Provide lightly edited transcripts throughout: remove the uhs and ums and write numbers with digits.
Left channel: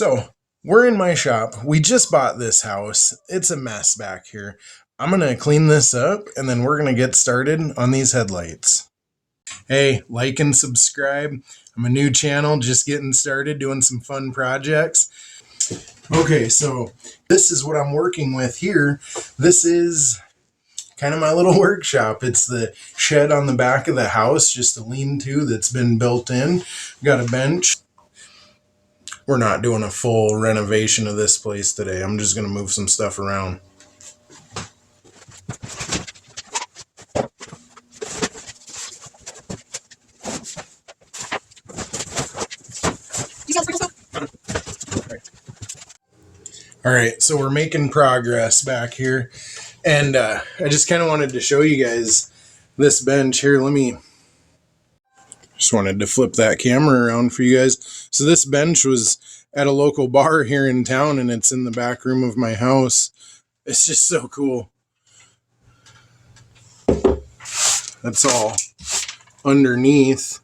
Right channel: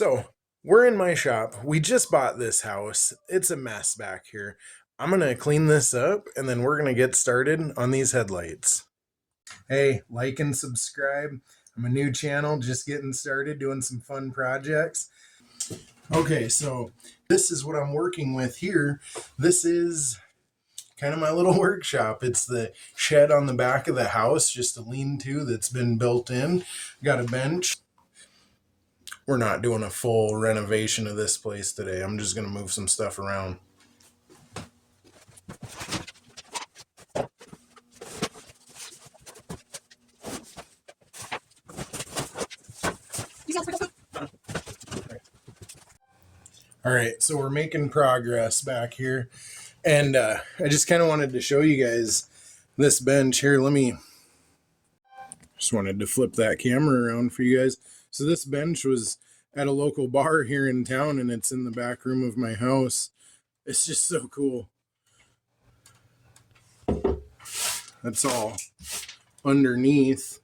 So we're in my shop. We just bought this house. It's a mess back here. I'm going to clean this up and then we're going to get started on these headlights. Hey, like and subscribe. I'm a new channel, just getting started, doing some fun projects. Okay, so this is what I'm working with here. This is kind of my little workshop. It's the shed on the back of the house, just a lean-to that's been built in. Got a bench. We're not doing a full renovation of this place today. I'm just going to move some stuff around. All right, so we're making progress back here. And I just kind of wanted to show you guys this bench here. Just wanted to flip that camera around for you guys. So this bench was at a local bar here in town, and it's in the back room of my house. It's just so cool. That's all underneath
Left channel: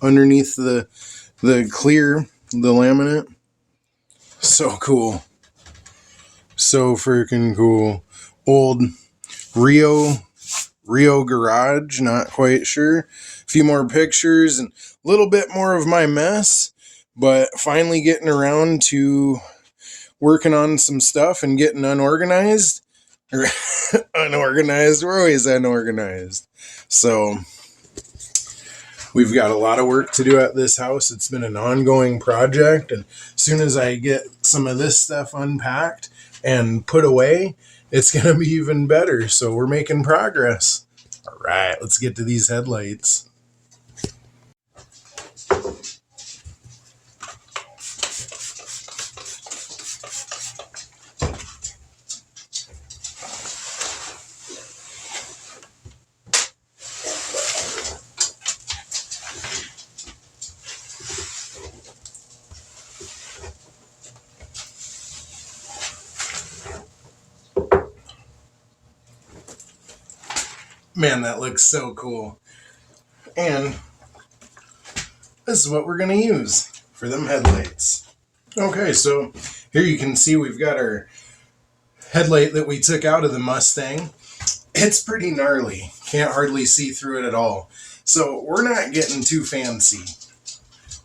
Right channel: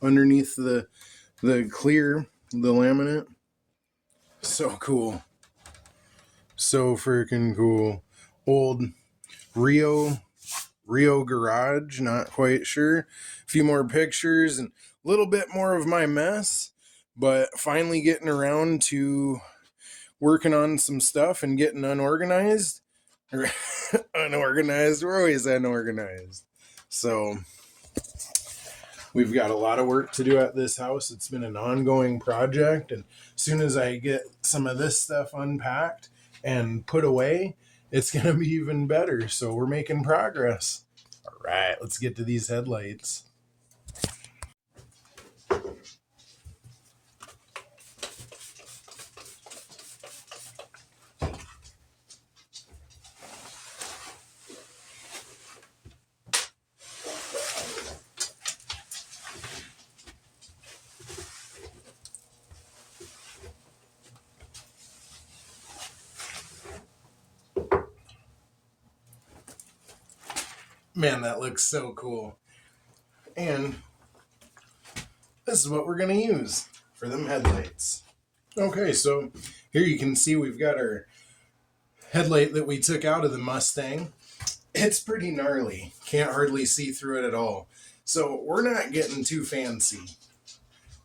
the clear, the laminate. So cool. So freaking cool. Old Rio garage, not quite sure. A few more pictures and a little bit more of my mess, but finally getting around to working on some stuff and getting unorganized. Unorganized, we're always unorganized. So we've got a lot of work to do at this house. It's been an ongoing project, and as soon as I get some of this stuff unpacked and put away, it's going to be even better. So we're making progress. All right, let's get to these headlights. Man, that looks so cool. And this is what we're going to use for them headlights. Okay, so here you can see we've got our headlight that we took out of the Mustang. It's pretty gnarly. Can't hardly see through it at all. So we're not getting too fancy.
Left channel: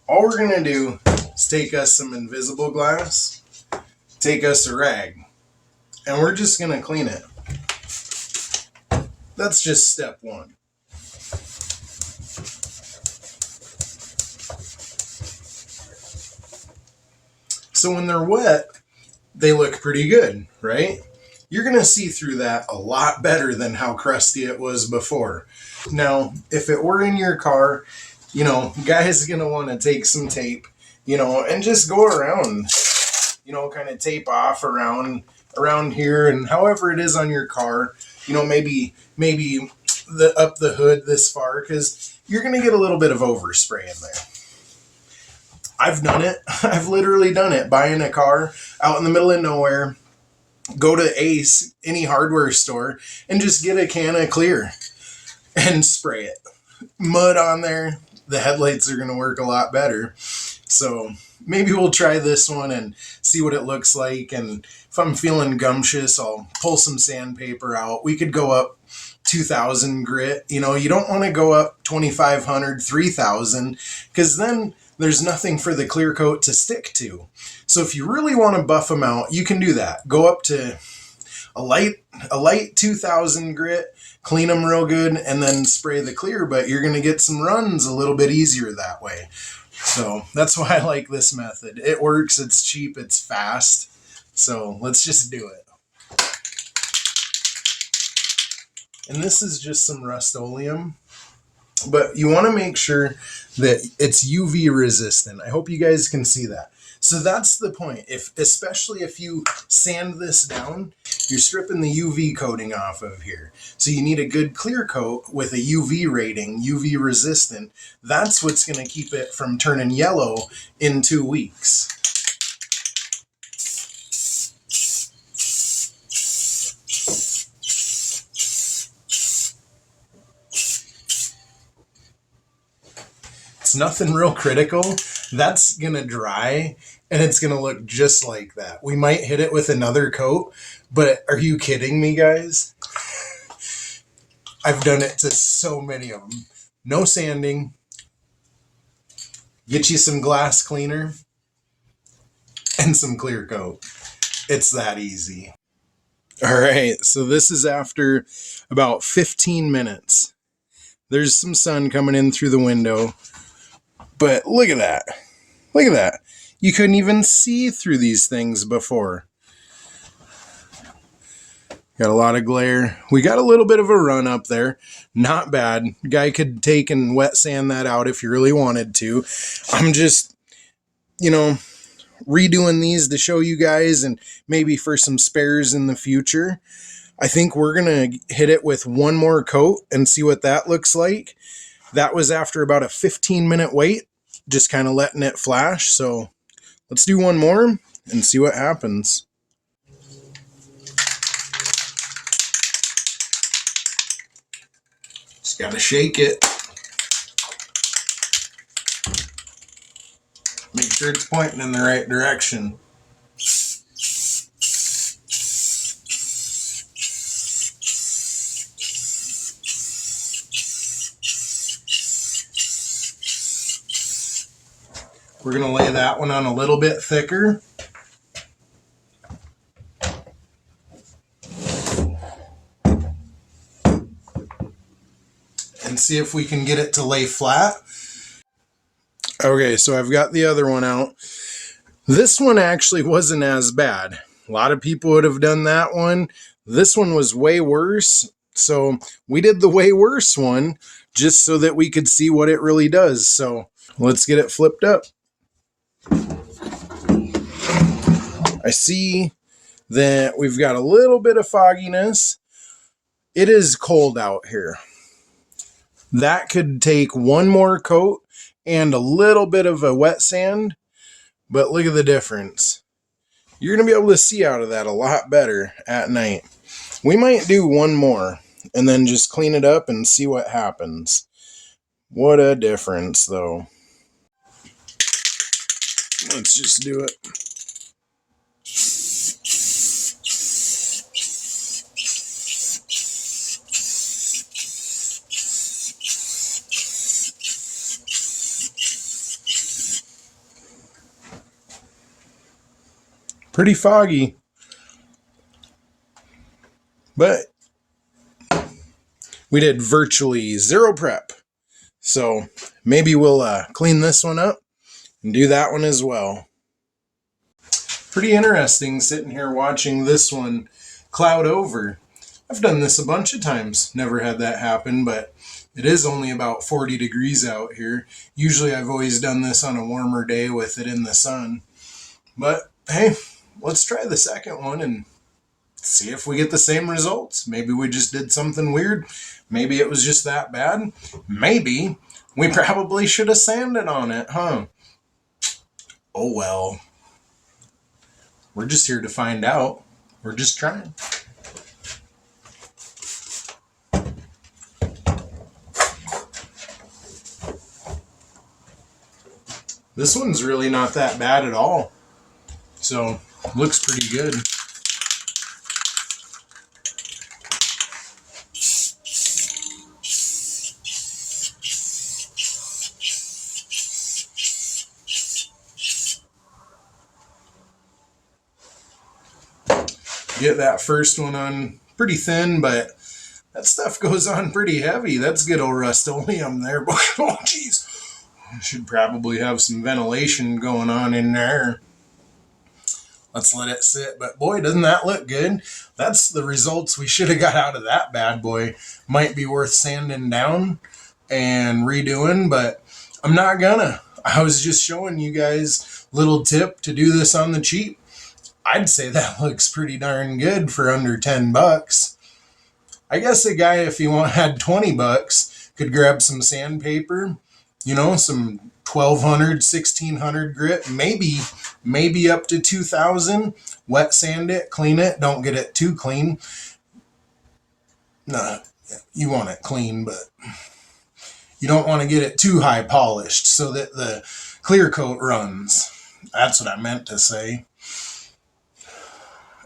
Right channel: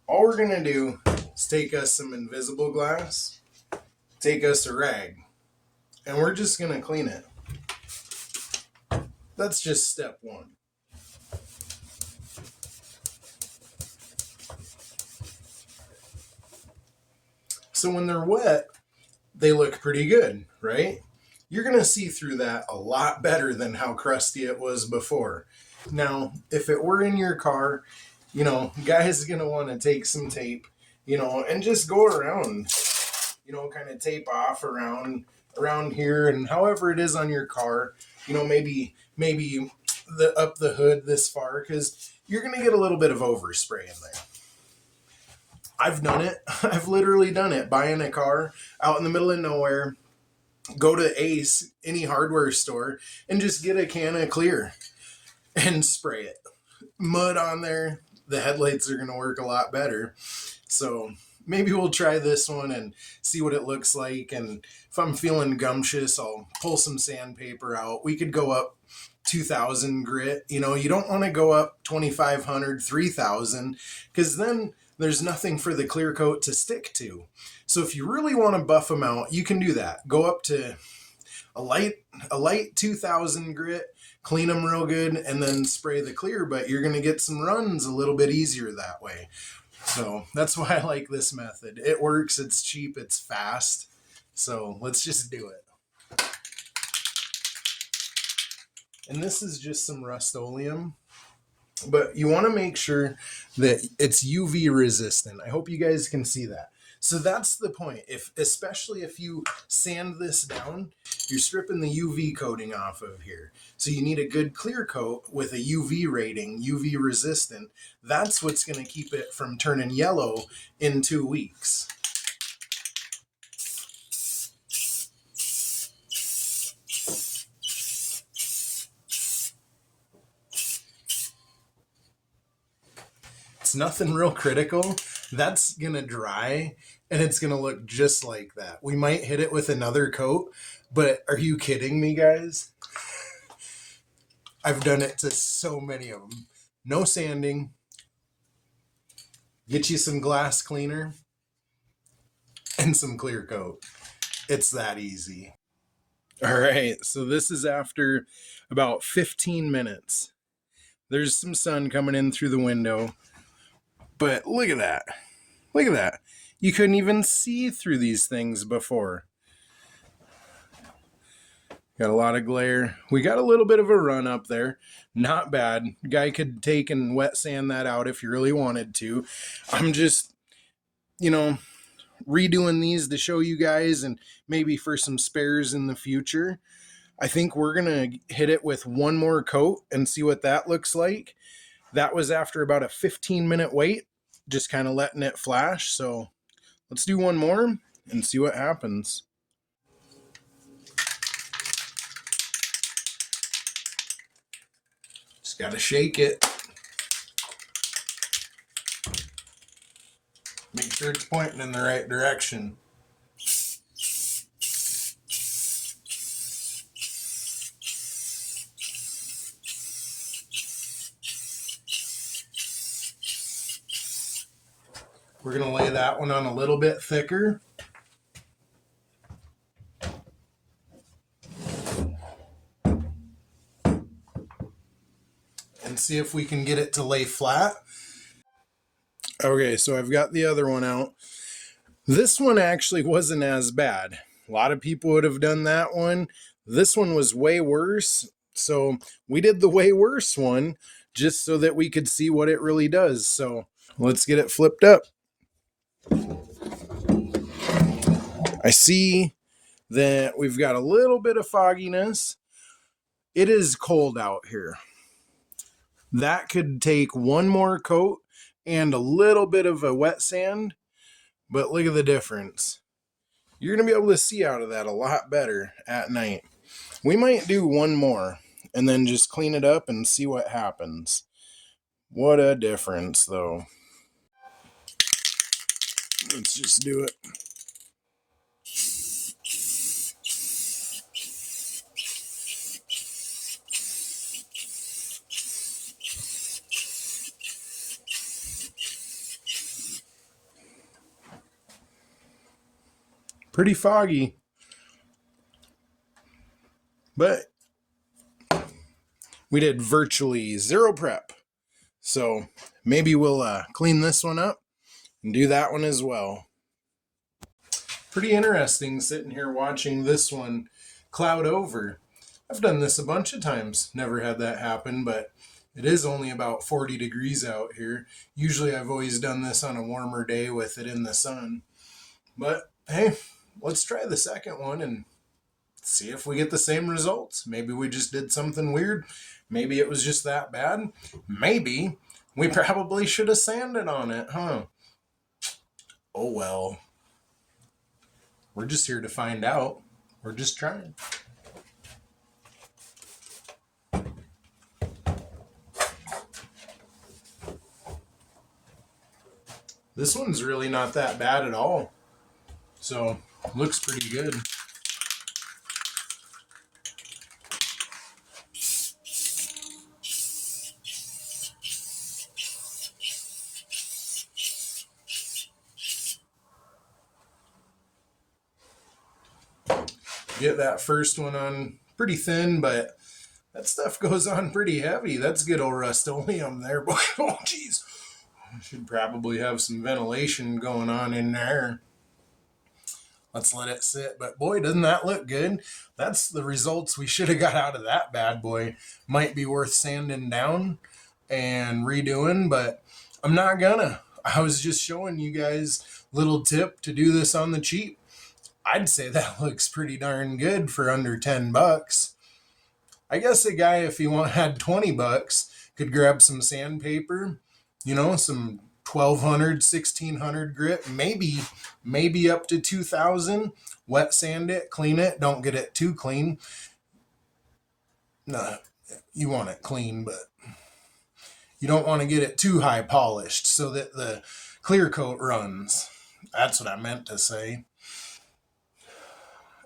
All we're going to do is take us some invisible glass, take us a rag, and we're just going to clean it. That's just step one. So when they're wet, they look pretty good, right? You're going to see through that a lot better than how crusty it was before. Now, if it were in your car, guys are going to want to take some tape, and just go around, kind of tape off around here, and however it is on your car, maybe up the hood this far, because you're going to get a little bit of overspray in there. I've done it. I've literally done it. Buying a car out in the middle of nowhere, go to Ace, any hardware store, and just get a can of clear and spray it. Mud on there, the headlights are going to work a lot better. So maybe we'll try this one and see what it looks like. And if I'm feeling gumptious, I'll pull some sandpaper out. We could go up 2,000 grit. You don't want to go up 2,500, 3,000, because then there's nothing for the clear coat to stick to. So if you really want to buff them out, you can do that. Go up to a light 2,000 grit, clean them real good, and then spray the clear, but you're going to get some runs a little bit easier that way. So that's why I like this method. It works, it's cheap, it's fast. So let's just do it. And this is just some Rust-Oleum, but you want to make sure that it's UV resistant. I hope you guys can see that. So that's the point. Especially if you sand this down, you're stripping the UV coating off of here. So you need a good clear coat with a UV rating, UV resistant. That's what's going to keep it from turning yellow in 2 weeks. It's nothing real critical. That's going to dry and it's going to look just like that. We might hit it with another coat, but are you kidding me, guys? I've done it to so many of them. No sanding. Get you some glass cleaner and some clear coat. It's that easy. All right, so this is after about 15 minutes. There's some sun coming in through the window, but look at that. Look at that. You couldn't even see through these things before. Got a lot of glare. We got a little bit of a run up there. Not bad. Guy could take and wet sand that out if you really wanted to. I'm just, redoing these to show you guys and maybe for some spares in the future. I think we're going to hit it with one more coat and see what that looks like. That was after about a 15-minute wait, just kind of letting it flash. So let's do one more and see what happens. Just got to shake it. Make sure it's pointing in the right direction. We're going to lay that one on a little bit thicker. And see if we can get it to lay flat. Okay, so I've got the other one out. This one actually wasn't as bad. A lot of people would have done that one. This one was way worse. So we did the way worse one just so that we could see what it really does. So let's get it flipped up. I see that we've got a little bit of fogginess. It is cold out here. That could take one more coat and a little bit of a wet sand, but look at the difference. You're going to be able to see out of that a lot better at night. We might do one more and then just clean it up and see what happens. What a difference, though. Let's just do it. Pretty foggy, but we did virtually zero prep. So maybe we'll clean this one up and do that one as well. Pretty interesting sitting here watching this one cloud over. I've done this a bunch of times, never had that happen, but it is only about 40 degrees out here. Usually I've always done this on a warmer day with it in the sun. But hey, let's try the second one and see if we get the same results. Maybe we just did something weird. Maybe it was just that bad. Maybe we probably should have sanded on it, huh? Oh well. We're just here to find out. We're just trying. This one's really not that bad at all. So, looks pretty good. Get that first one on pretty thin, but that stuff goes on pretty heavy. That's good old Rust-Oleum there. Oh, jeez. Should probably have some ventilation going on in there. Let's let it sit. But boy, doesn't that look good? That's the results we should have got out of that bad boy. Might be worth sanding down and redoing, but I'm not gonna. I was just showing you guys a little tip to do this on the cheap. I'd say that looks pretty darn good for under 10 bucks. I guess a guy, if he had 20 bucks, could grab some sandpaper, some 1200, 1600 grit, maybe up to 2000, wet sand it, clean it, don't get it too clean. No, you want it clean, but you don't want to get it too high polished so that the clear coat runs. That's what I meant to say.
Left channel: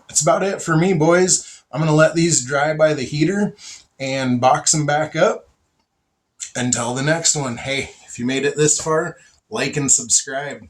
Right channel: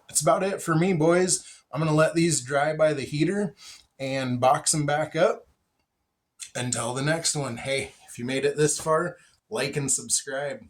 That's about it for me, boys. I'm going to let these dry by the heater and box them back up. Until the next one, hey, if you made it this far, like and subscribe.